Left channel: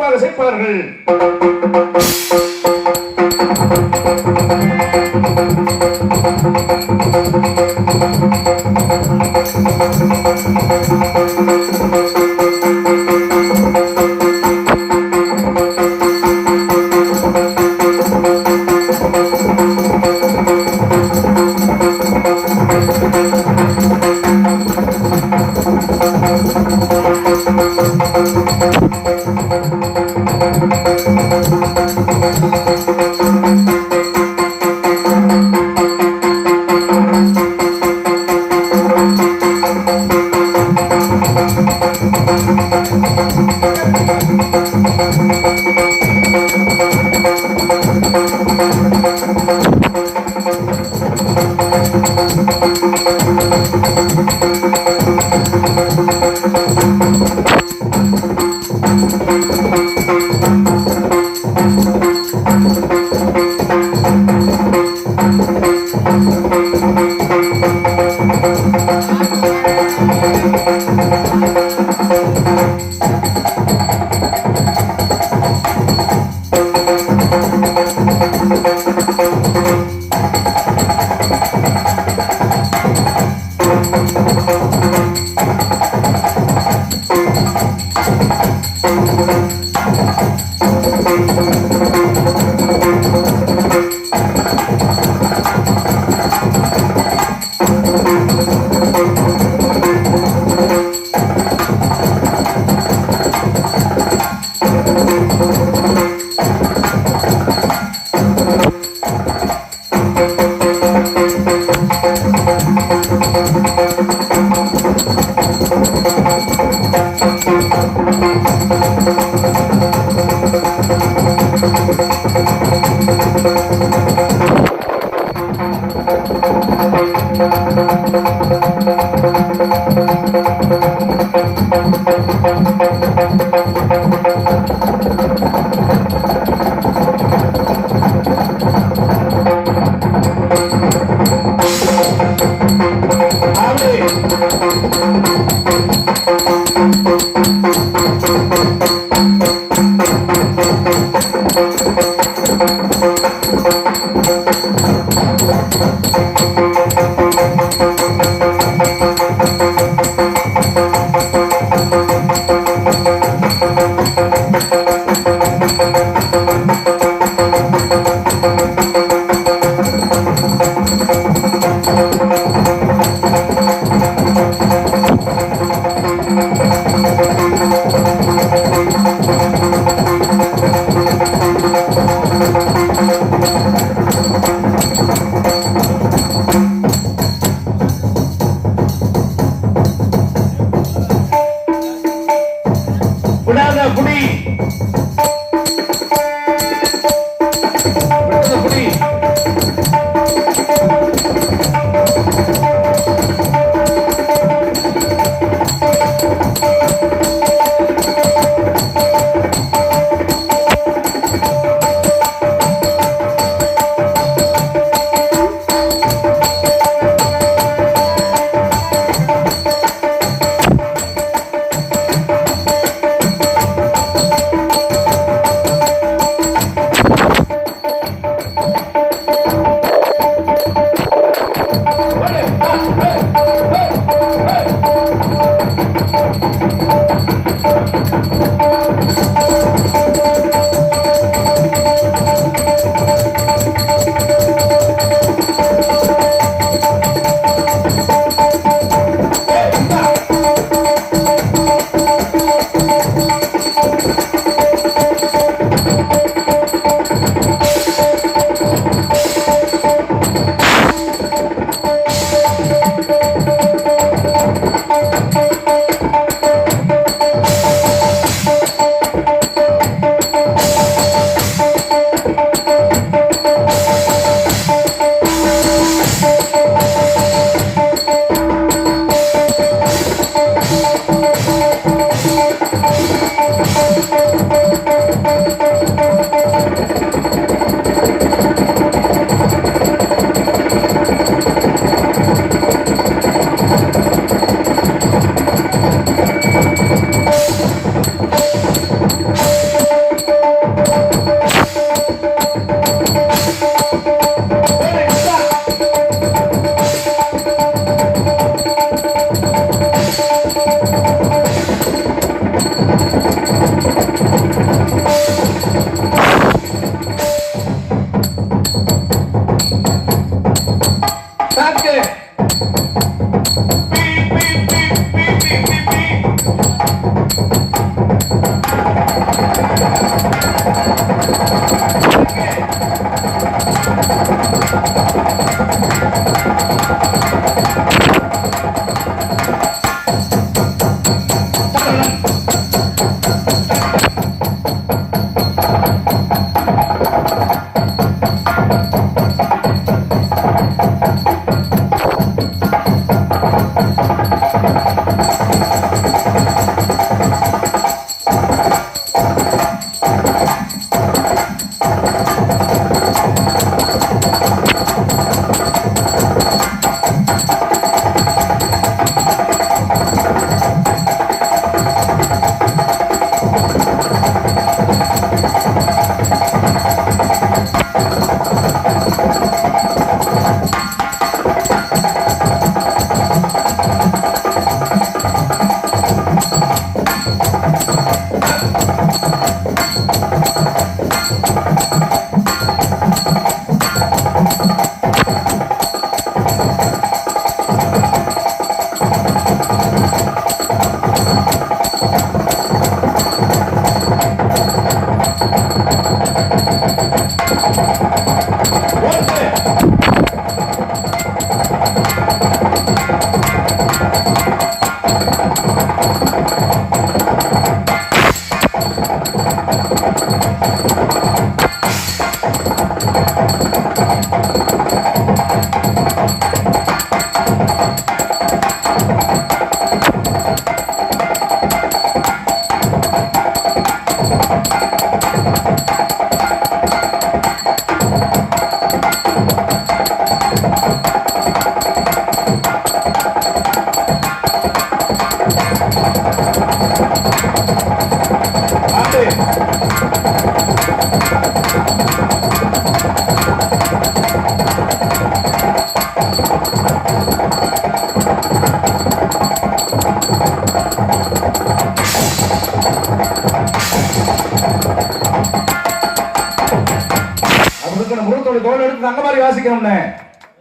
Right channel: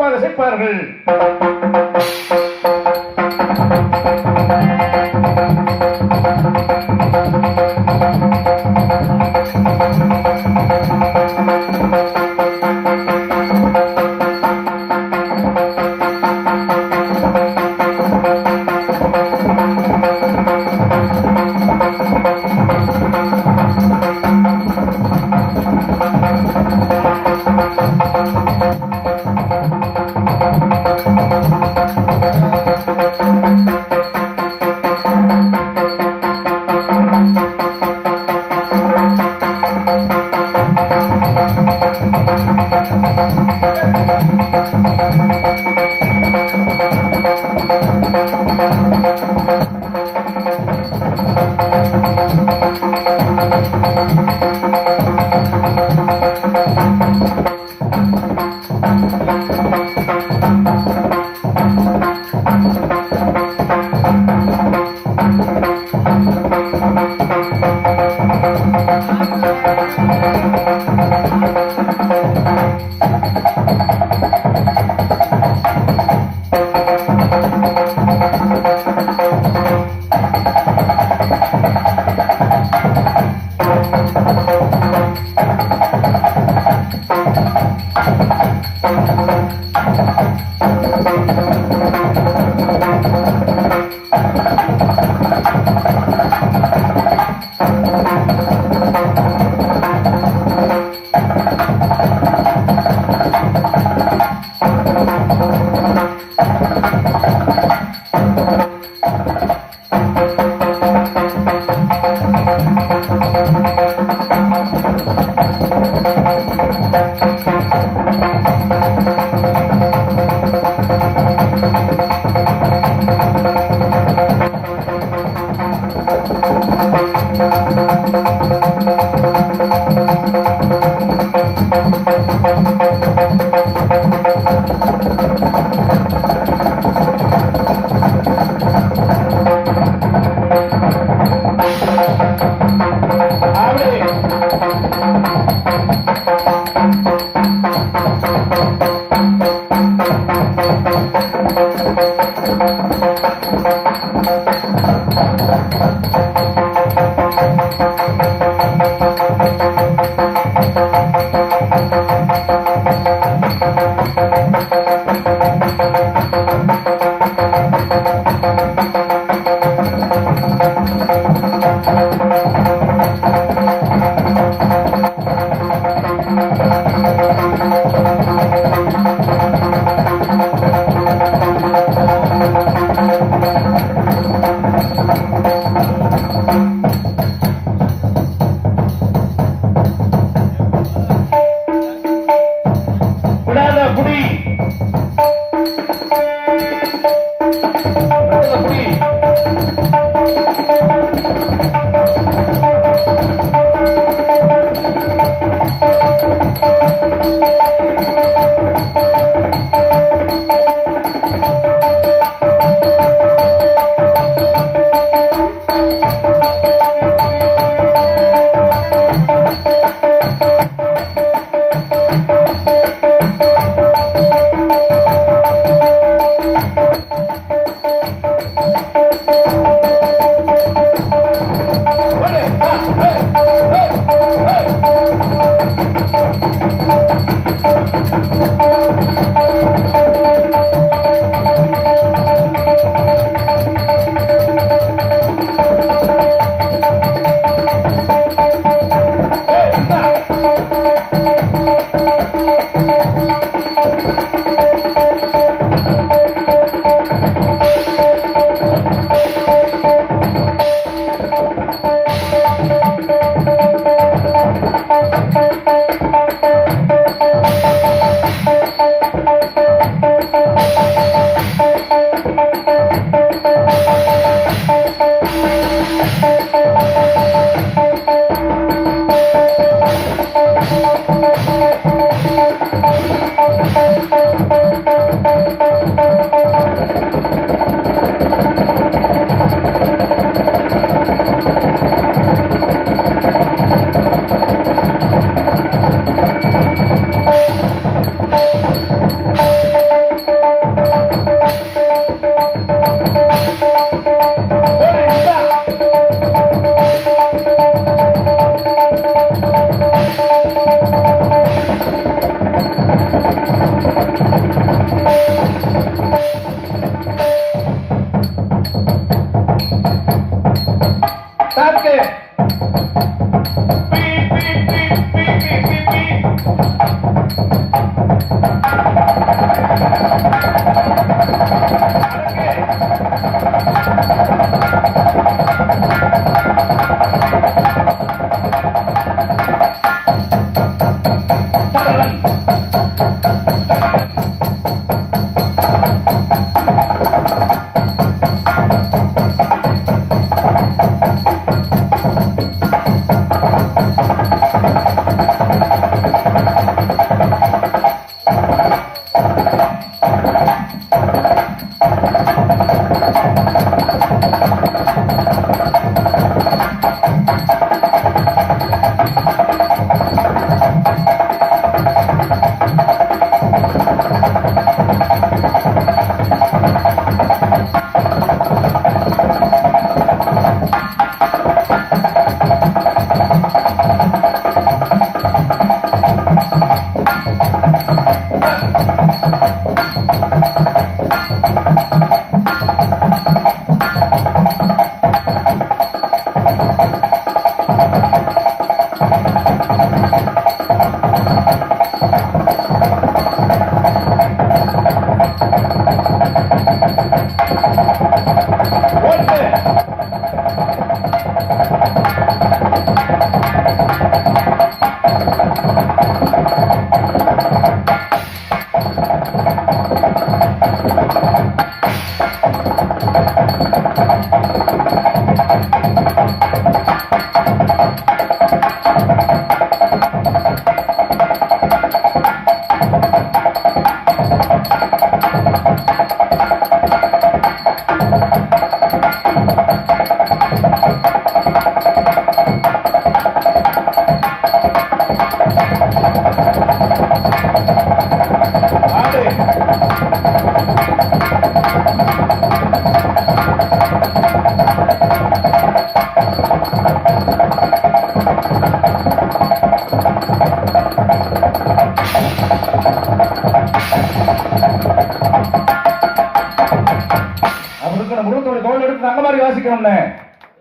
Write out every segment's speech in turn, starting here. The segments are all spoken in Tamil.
சிறப்பாக சேர்ப்பார்கள். விடாத புடி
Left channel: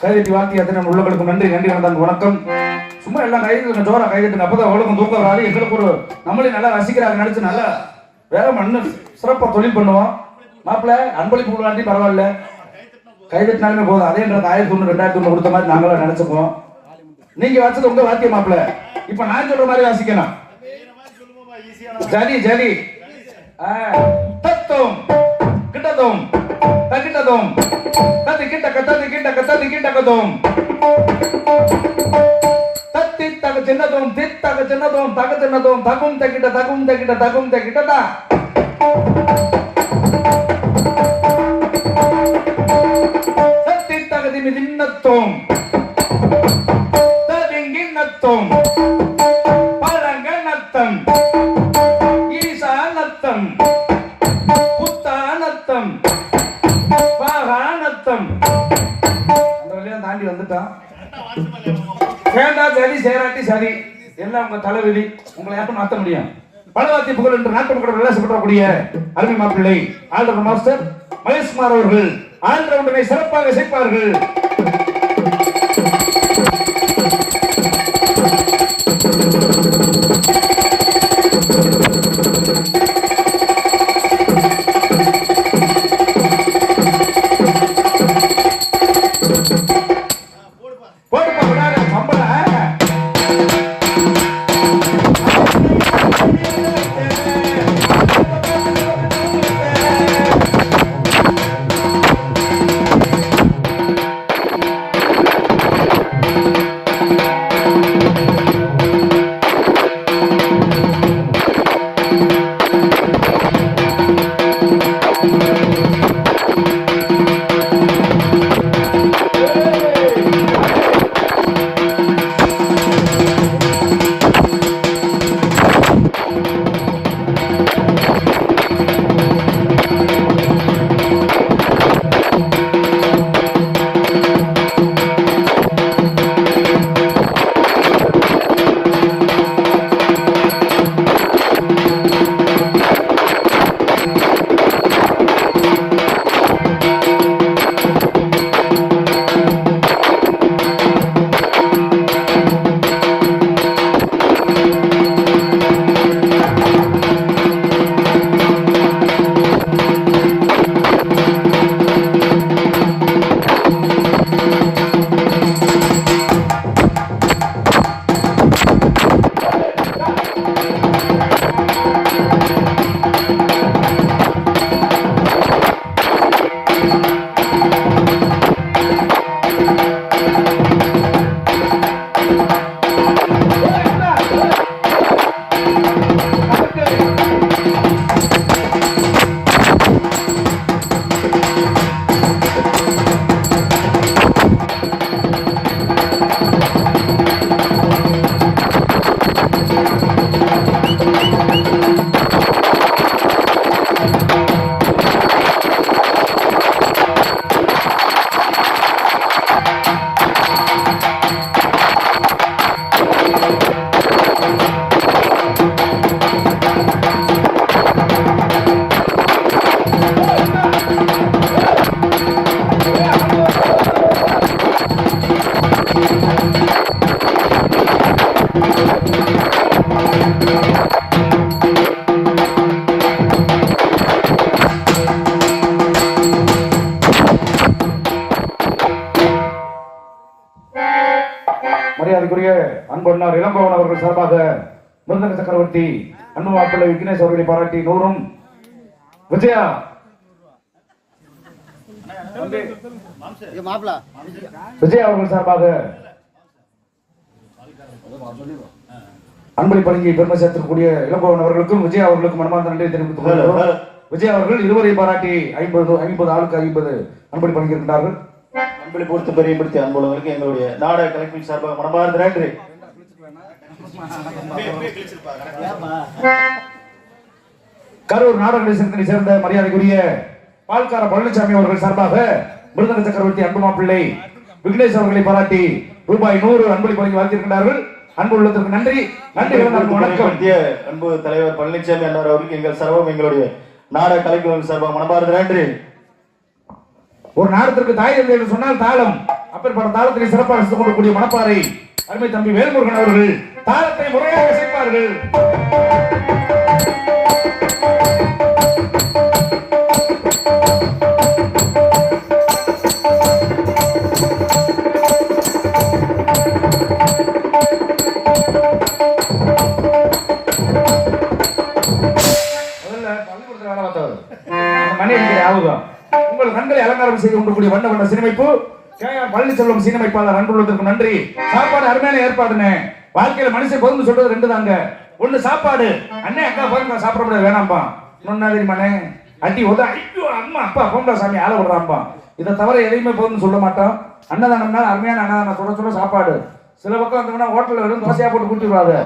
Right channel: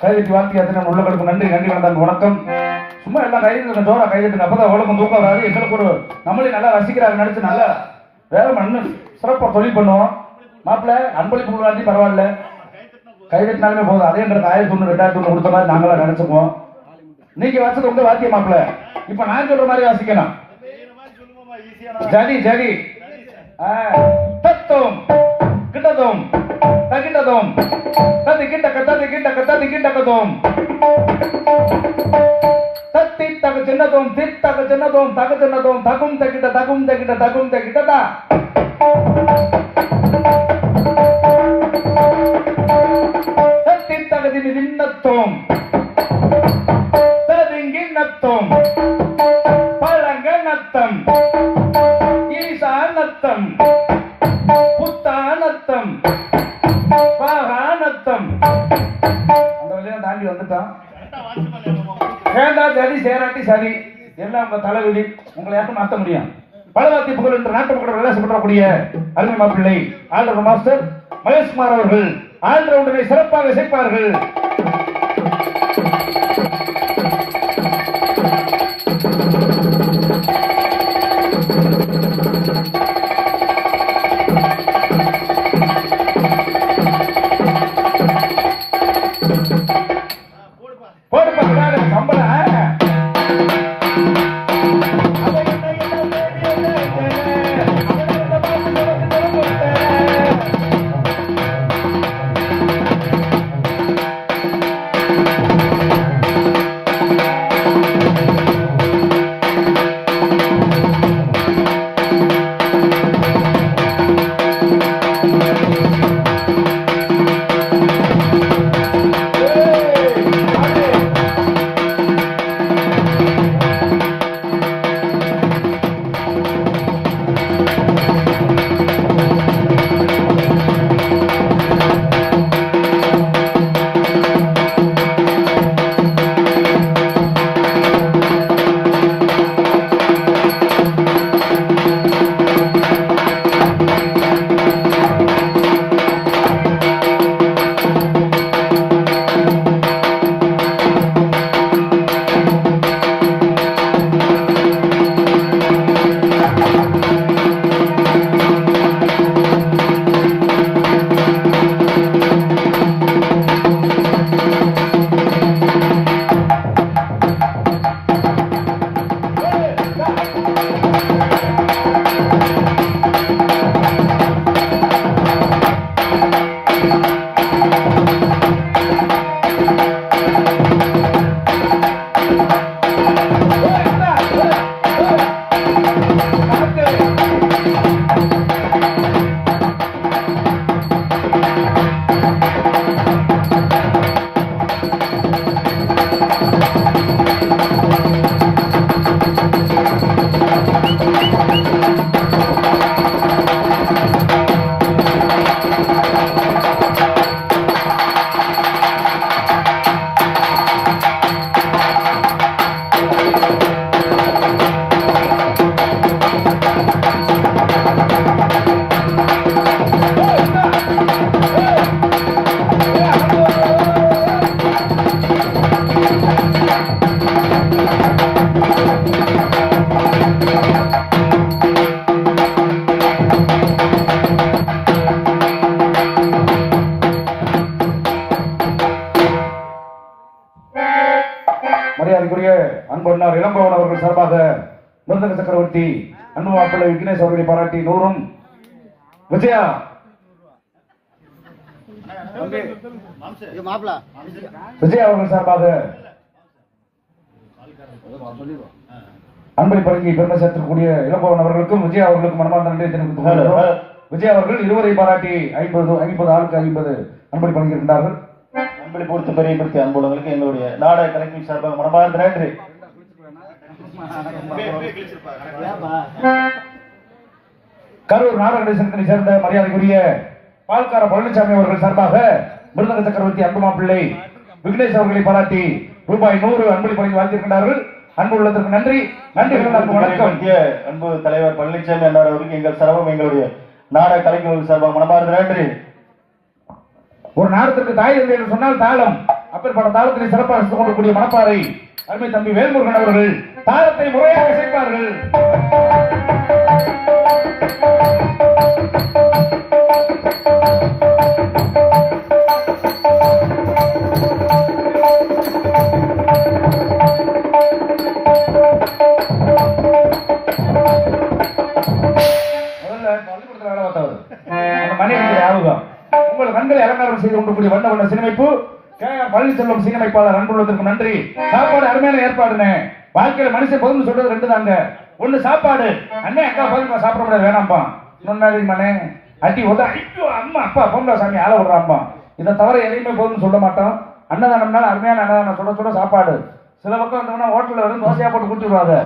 கைதட்டி வாழ்த்தி அத்தனை உள்ளங்களுக்கு நன்றி நன்றி வணக்கம். சும்மா எல்லாம் கைது ஜோரா கைதட்டுங்க. அப்பதான் உலகம் தூக்கம் வராது. எங்களுக்கு ஒரு நம்மளே நல்லா ரசிக்கிறாங்க நினைச்சு நல்லா வேற மண்ணு சிறப்பா தொழில் பண்ணுவோம். மாப்பிள்ள அன்பளிப்பு கொடுக்காட்டி பரவாயில்ல, கைதட்டினாலுமே போதும். அதே எங்களுக்கு 1100 2000 கொடுத்த மாதிரி நாங்களும் நினைச்சுப்போம். நீங்க வச்சது உங்க வாத்தியம் மாப்பிள்ள. இப்ப நான் சொல்ற மாதிரி வாசிக்கணும். ஜதி ஜதி தத்துவம் கிட்டதும் தகிட்டதும் தத்தி கிட்டக்க தத்தி கிட்டக்க தத்தி கிட்டக்கதும் தத்தி தக சின்னதும் தித்தக சின்னதும் தக சின்னதும் தகும் தகிட்ட தகும் தகிட்ட தகும் தகிட்டதா தத்தி தகதி மிதின்னத்தும் ததிங்கின்னத்தும் பழங்கனத்தம் ஈசானத்தம் புத்தானத்தம் தாண்டி வந்துட்டான். சரி சேராட்டி சரி எல்லாம் உங்க தலைவிதி. உங்களை யாருக்கும் மாற்ற முடியும். பலவாத்தி புகழ் என்று நாட்டு மக்கள் விளாசப்படக்கூடிய அருமை மாப்பிள்ளை ஆல்ரவுண்டர் மாஸ்டர் மகேஷ்குமார் அவர்கள் ஆல்ரவுண்டரை சிறப்பாக சேர்ப்பார்கள். மரியாதைக்குரிய அன்பொன்னார் இளம்பவன் அவர்கள் சார்பாக மிருதங்க சக்கரவர்த்தி அன்பு மாப்பிள்ளை விக்னேஷ் அவர்களை பாராட்டி 100 விஜயா விஜயா அவர்கள் சார்பாக அன்பளி பழங்கி பெருமை சேர்த்திருக்கக்கூடிய இளம்பவன் அவர்களுக்கும் விஜயா அவர்களுக்கும் மனமார்ந்த நன்றி தெரிவித்துக் கொள்கிறோம். விஜய் அவர்கள் இருவரை பாராட்டி 50 ஆளுக்கு 50 அன்பளி பணியிருக்கின்றார்கள். அன்பளி பொறுத்து பெரியப்படுத்தி அன்புள்ளவர்களுக்கு எங்களுடைய நாடக கலைப்பின் சார்பாக மனமார்ந்த நன்றி. கரூர் நாடக நிலையத்தினை சேர்ந்த மரியாதைக்குரிய பால்கார பழனிசாமி அவர்கள் சார்பாக மிருதங்க சக்கரவர்த்தி அன்பு மாப்பிள்ளை விக்னேஷ் அவர்களை பாராட்டி ரூபாய் 100 அன்பளி பணிக்கு வாழ்த்திருக்கிறார்கள். அன்பு உள்ளத்திற்கு நன்றி. நன்றி. வணக்கம். அன்பு தலைவர் பழனிசாமி அண்ணார் அவருக்கு எங்கள் சர்வம் எங்களுடைய நாடக கலைஞர்கள் சார்பாக மனமார்ந்த நன்றி. ஒரு நாடத்திற்கு தாய் தந்தை என்று சொன்னால் தாளம், அப்பேற்பட்ட தாளத்தினை சிறப்பாக ரசித்துக் கொள்ளக்கூடிய மணப்பாறை அருமை தம்பி வேல்முருகன் அவர்கள் தாளத்தை முறையாக சேர்ப்பார்கள். உங்கள் கண்களை அலங்காரம் செய்து கொண்டிருக்கூடிய வண்ண வண்ண சினிமைப்பு பழனிச்செல்வம் சீனமைப்பாளர் அன்புள்ளதற்கு நன்றி. சாப்பாடு அருமையான ஏற்பாடுனே. வாழ்க்கையில மனுஷன் பொருந்து சொல்றது 2 தாங்க. ஒண்ணு சாப்பாடு, அண்ணே அக்கா போய் சாப்பிட முடியாது வேணாம்பா. இன்னொன்னு மனே அடி உத ஐயோ அம்மா அப்பா போங்க சாமி ஆள விடுறாம்பா. இதை தவிர எதையுமே பொருந்து சொல்ல மாட்டோம். அன்னதானம்னா அருமையான அன்னதானம் சொல்ல சாப்பாடு. சில பக்கம் வந்தோம்னா ஹோட்டல்ல வரும் தோசையா போட்டு கூட்டிடுவாங்க.